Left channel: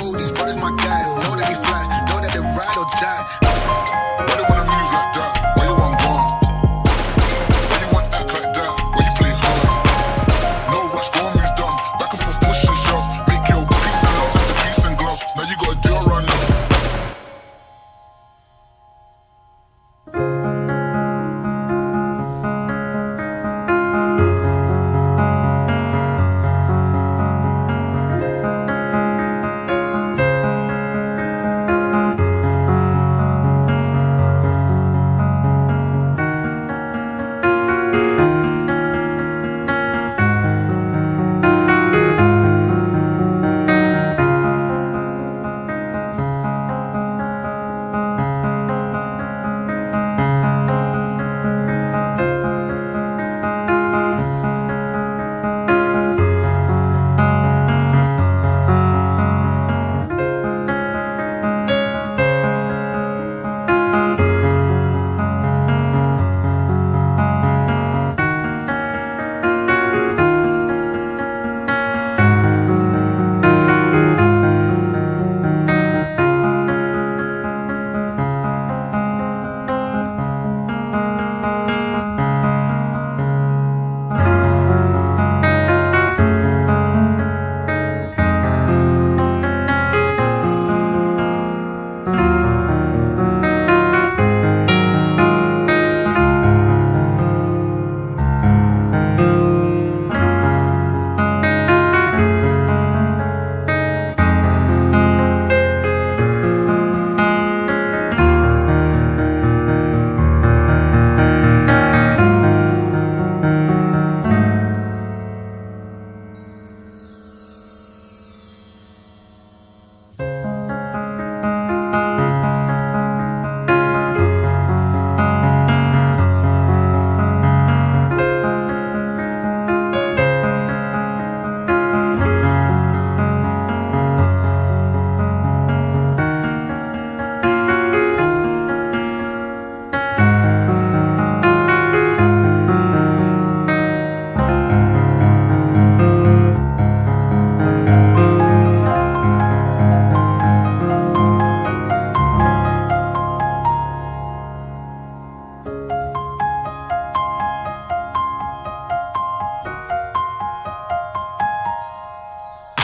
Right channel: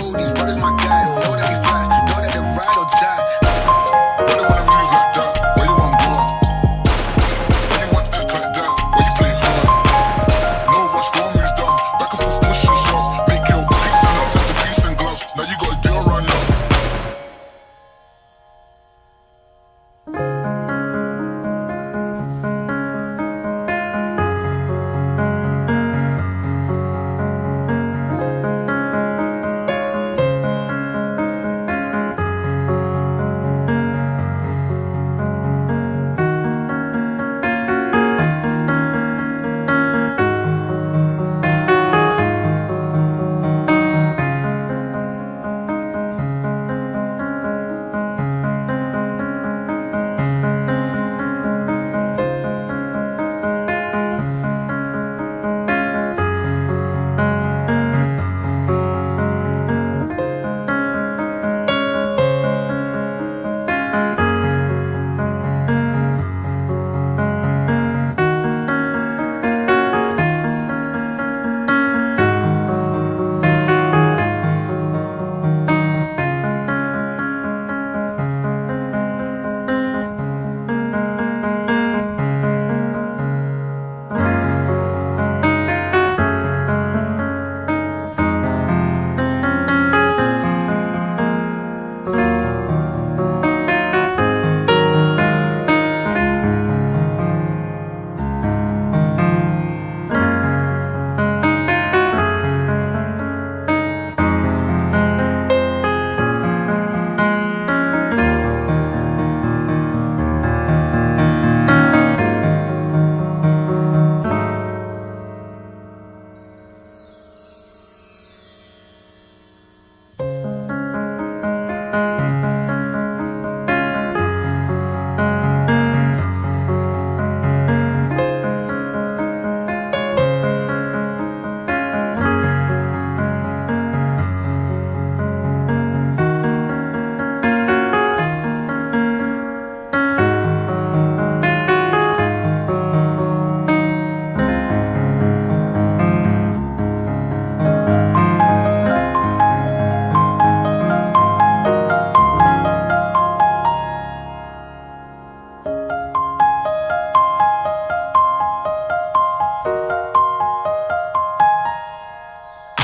All these brothers my guys, know that we fly, know that they ride or die. Why you wanna move like that? Why you want gone? Why you want act like that? Why you play hard? No rush, go on, move done. Back and forth, push and shove. Make your peace and love into peace and gloves. Now you gotta do it right now.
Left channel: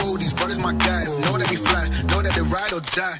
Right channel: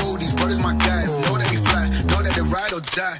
All these brothers my guys, know that we fly, know that they ride or die.